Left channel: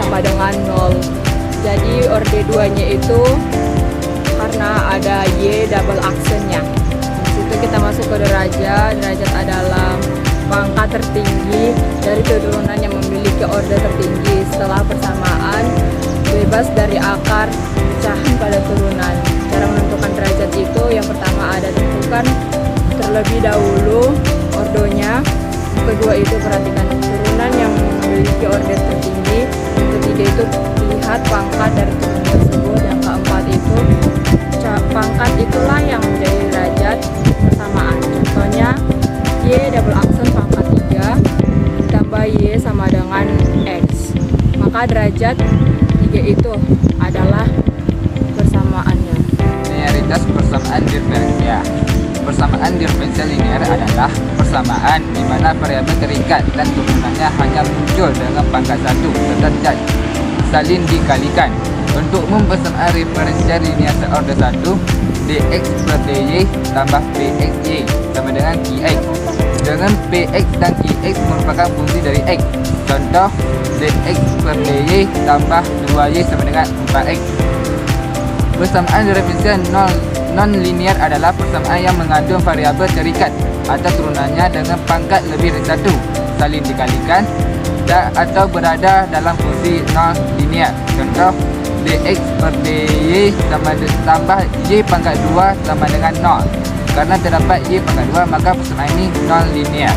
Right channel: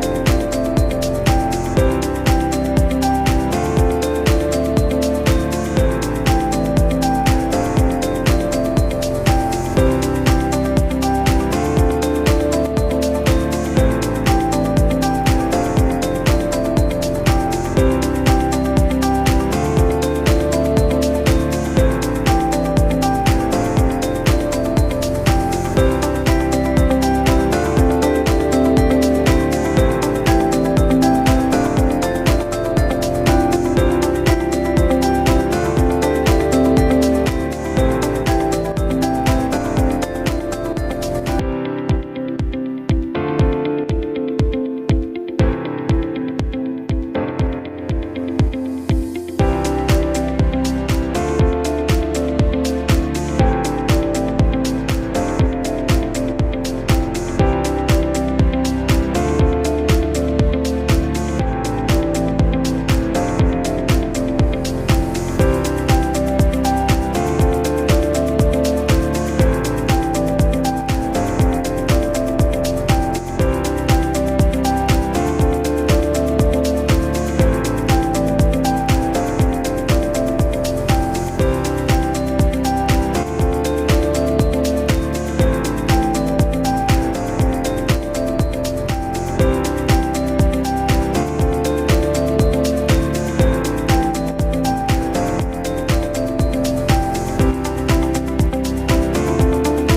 sama dengan 0. Jadi orde 2-nya itu karena ada Y double aksennya. Itu kita masuk ke derajat. Derajat adalah pangkat tertinggi dari keturunan yang memiliki orde tertinggi setelah persamaan bebas dari akar pecahan pada turunan. Cara menentukan derajat itu yang pertama ada tentukan terlebih dahulu ordonya. Yang kedua itu perhatikan turunan yang memiliki orde tertinggi. Yang ketiga itu lihat pangkat dari turunan tersebut. Yang keempat itu pangkat itulah yang menjadi derajat persamaan. Contohnya Y double aksen pangkat 3 ditambah Y sama dengan X. Maka derajat 3 itu adalah persamaannya. Linearitas persamaan diferensial. Persamaan diferensial linear adalah persamaan di mana variabel terikat dan turunannya hanya muncul dengan pangkat 1 dan saling dikalikan. Untuk persamaan diferensial linear order 1, dx per dy tambah pxy sama dengan qx. Dengan px dan qx merupakan fungsi dari x. Contoh, dx per dy tambah 2y sama dengan 4x. Persamaan diferensial non-linear adalah persamaan yang mengandung variabel terikat atau turunannya dengan pangkat lebih dari 1 saling dikalikan atau berada dalam fungsi non-linear. Contoh, dx per dy tambah y pangkat 2 sama dengan 0. Karena terdapat y pangkat 2 maka persamaan ini non-linear.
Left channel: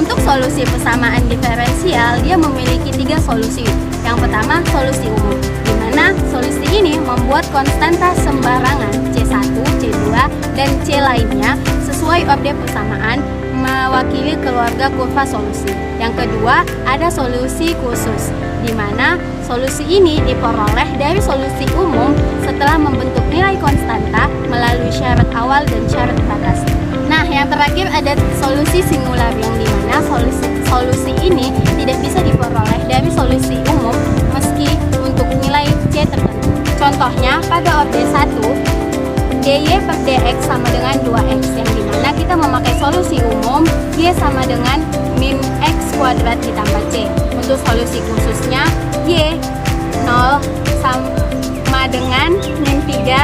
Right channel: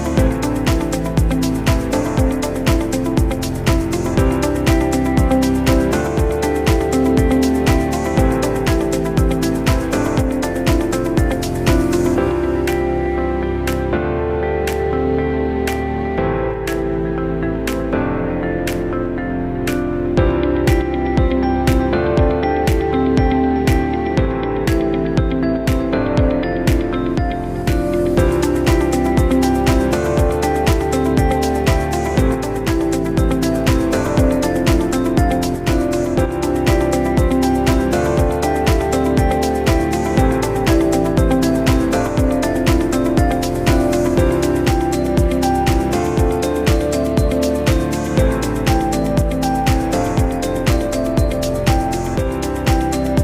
Untuk solusi persamaan diferensial, dia memiliki 3 solusi. Yang pertama, solusi umum, di mana solusi ini membuat konstanta sembarangan C1, C2, dan C lainnya sesuai objek persamaan mewakili keluarga kurva solusi. Yang kedua, ada solusi khusus, di mana solusi ini diperoleh dari solusi umum setelah membentuk nilai konstanta melalui syarat awal dan syarat batas. Nah, yang terakhir ada solusi singular, yang di mana solusi ini tidak bisa diperoleh dari solusi umum meski untuk nilai C tertentu. Contohnya pada objek 1, dy per dx sama dengan 2x, yang dimana kita memakai solusi umum y sama dengan min x kuadrat ditambah c. Untuk solusi khususnya y 0 sama dengan min 3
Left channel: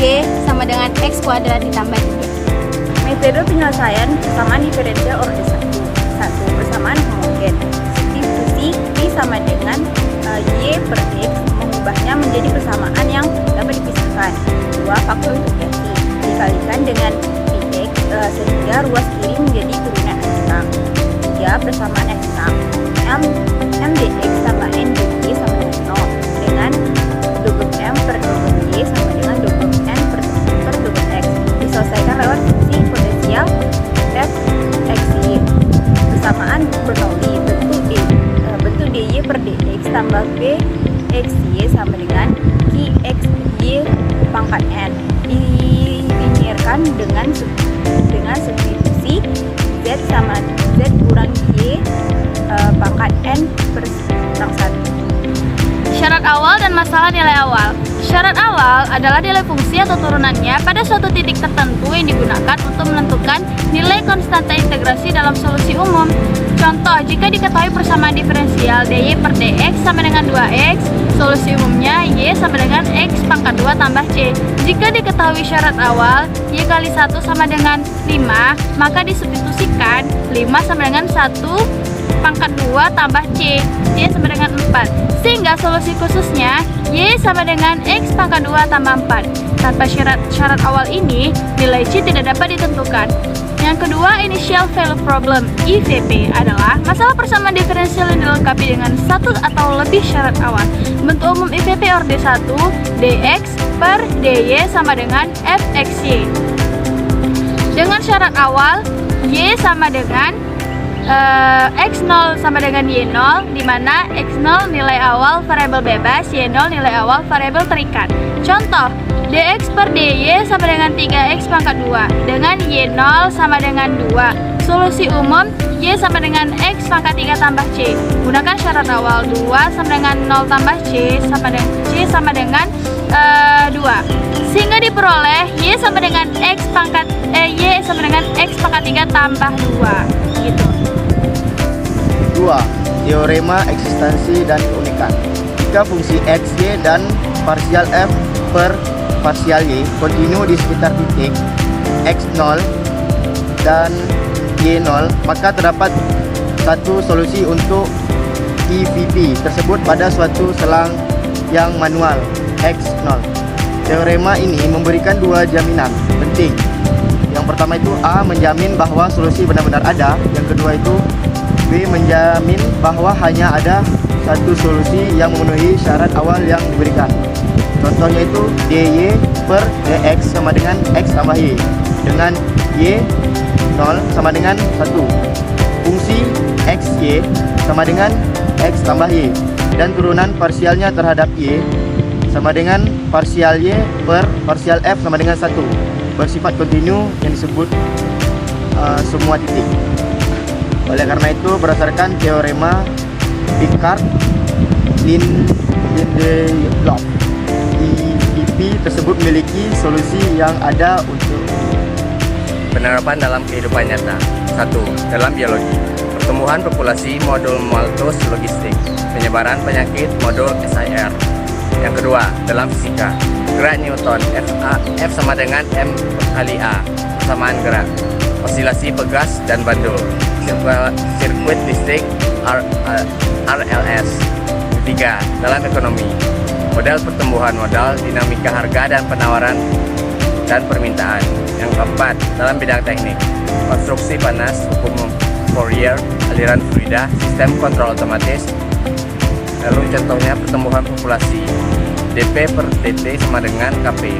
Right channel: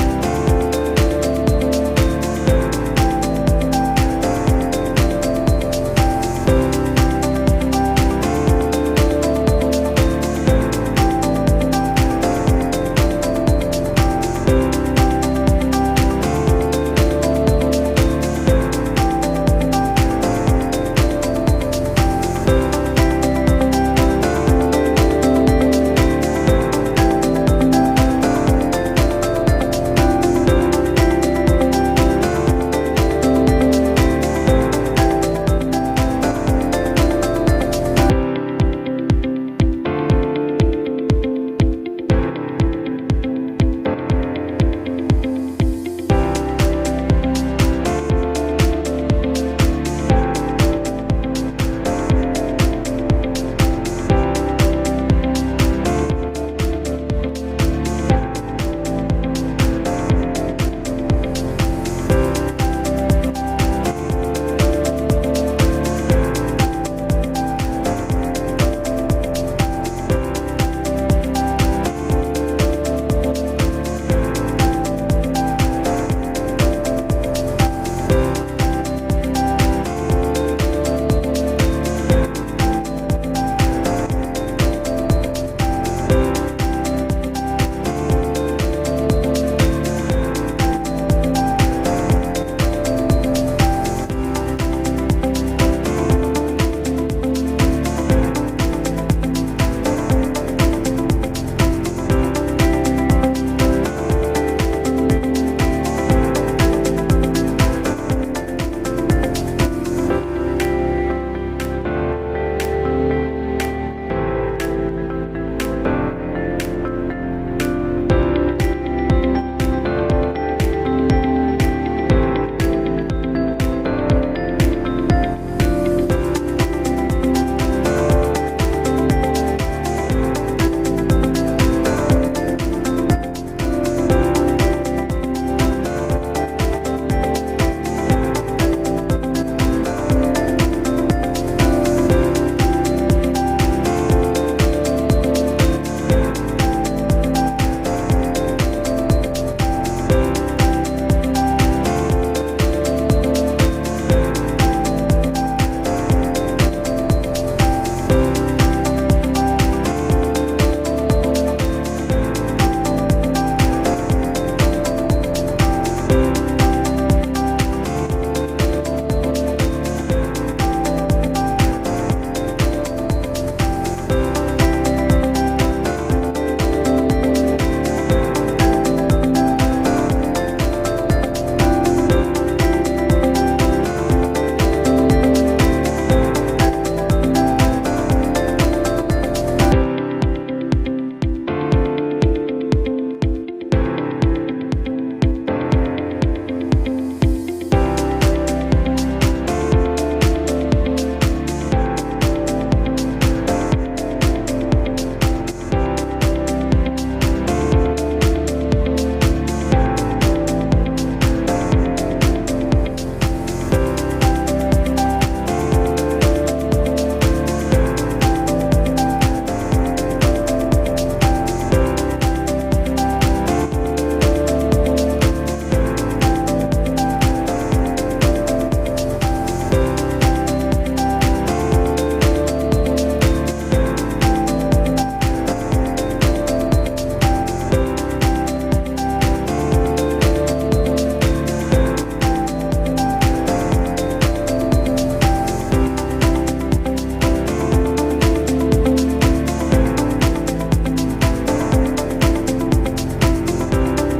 y sama dengan x kuadrat ditambah 3. Metode penyelesaian persamaan diferensial orde 1. Persamaan homogeen. Substitusi Y sama dengan Y per X mengubahnya menjadi persamaan yang dapat dipisahkan. 2 faktor diferensi dikalikan dengan X sehingga ruas kiri menjadi turunan X sam. 3 persamaan X sam M dx tambah N dy sama dengan 0 dengan double M per double Y sama dengan double N per double X diselesaikan lewat fungsi potensial f x y. Persamaan pronomi bentuk dy per dx tambah b x y sama dengan q x y pangkat n dilinearkan dengan substitusi z sama z kurang y pangkat n per kurang 1. Syarat awal dan masalah nilai awal. Syarat awal adalah nilai fungsi atau turunannya pada suatu titik tertentu yang digunakan untuk menentukan nilai konstanta integrasi dalam solusi umum. Contoh, jika diketahui persamaan diferensial dy per dx sama dengan 2x, solusi umumnya y sama dengan x pangkat 2 tambah c. Jika diketahui syarat awal y kali 1 sama dengan 5, maka disubstitusikan 5 sama dengan 1 pangkat 2 tambah c, y sama dengan 4. Sehingga solusi khususnya y sama dengan x pangkat 2 tambah 4. Tanpa syarat awal ini, nilai c tidak dapat ditentukan. Yang kedua, initial value problem (IVP) adalah masalah persamaan diferensial yang dilengkapi dengan satu atau lebih syarat awal. Bentuk umum IVP orde 1, dx per dy sama dengan fxy. Dengan syarat awal, y sama dengan x0 sama dengan y0, di mana x0 nilai awal variabel bebas, y0 nilai awal variabel terikat. Contoh, dx per dy sama dengan 3x pangkat 2 dengan y0 sama dengan 2. Solusi umum y sama dengan x pangkat 3 tambah c. Gunakan syarat awal 2 sama dengan 0 tambah c sama dengan 2. Sehingga diperoleh y sama dengan x pangkat y sama dengan x pangkat 3 tambah 2 gitu. 2. Y teorema eksistensi dan keunikan. Jika fungsi x, y, dan parsial f per parsial y kontinu di sekitar titik x0 dan y0, maka terdapat satu solusi untuk EVP tersebut pada suatu selang yang manual x0. Teorema ini memberikan dua jaminan penting. Yang pertama itu A menjamin bahwa solusi benar-benar ada. Yang kedua itu B menjamin bahwa hanya ada satu solusi yang memenuhi syarat awal yang diberikan. Contohnya itu dy per dx sama dengan x tambah y, dengan y 0 sama dengan 1. Fungsi xy sama dengan x tambah y, dan turunan parsialnya terhadap y sama dengan parsial y per parsial f sama dengan 1, bersifat kontinu yang disebut semua titik. Oleh karena itu, berdasarkan teorema Picard-Lindelof, EVP tersebut memiliki solusi yang ada untuk penerapan dalam kehidupan nyata. 1. Dalam biologi, pertumbuhan populasi modul Malthus logistik, penyebaran penyakit modul SIR. Yang kedua, dalam fisika, gerak Newton F sama dengan M kali A, persamaan gerak, osilasi pegas dan bandul, sirkuit listrik RLS. Ketiga, dalam ekonomi, model pertumbuhan modal, dinamika harga dan penawaran dan permintaan. Yang keempat, dalam bidang teknik, konstruksi panas, hukum Fourier, aliran fluida, sistem kontrol otomatis. Lalu contohnya pertumbuhan populasi, dP per dt sama dengan kp.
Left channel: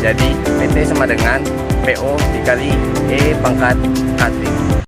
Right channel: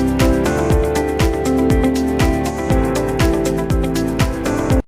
Jadi pt sama dengan PO dikali E pangkat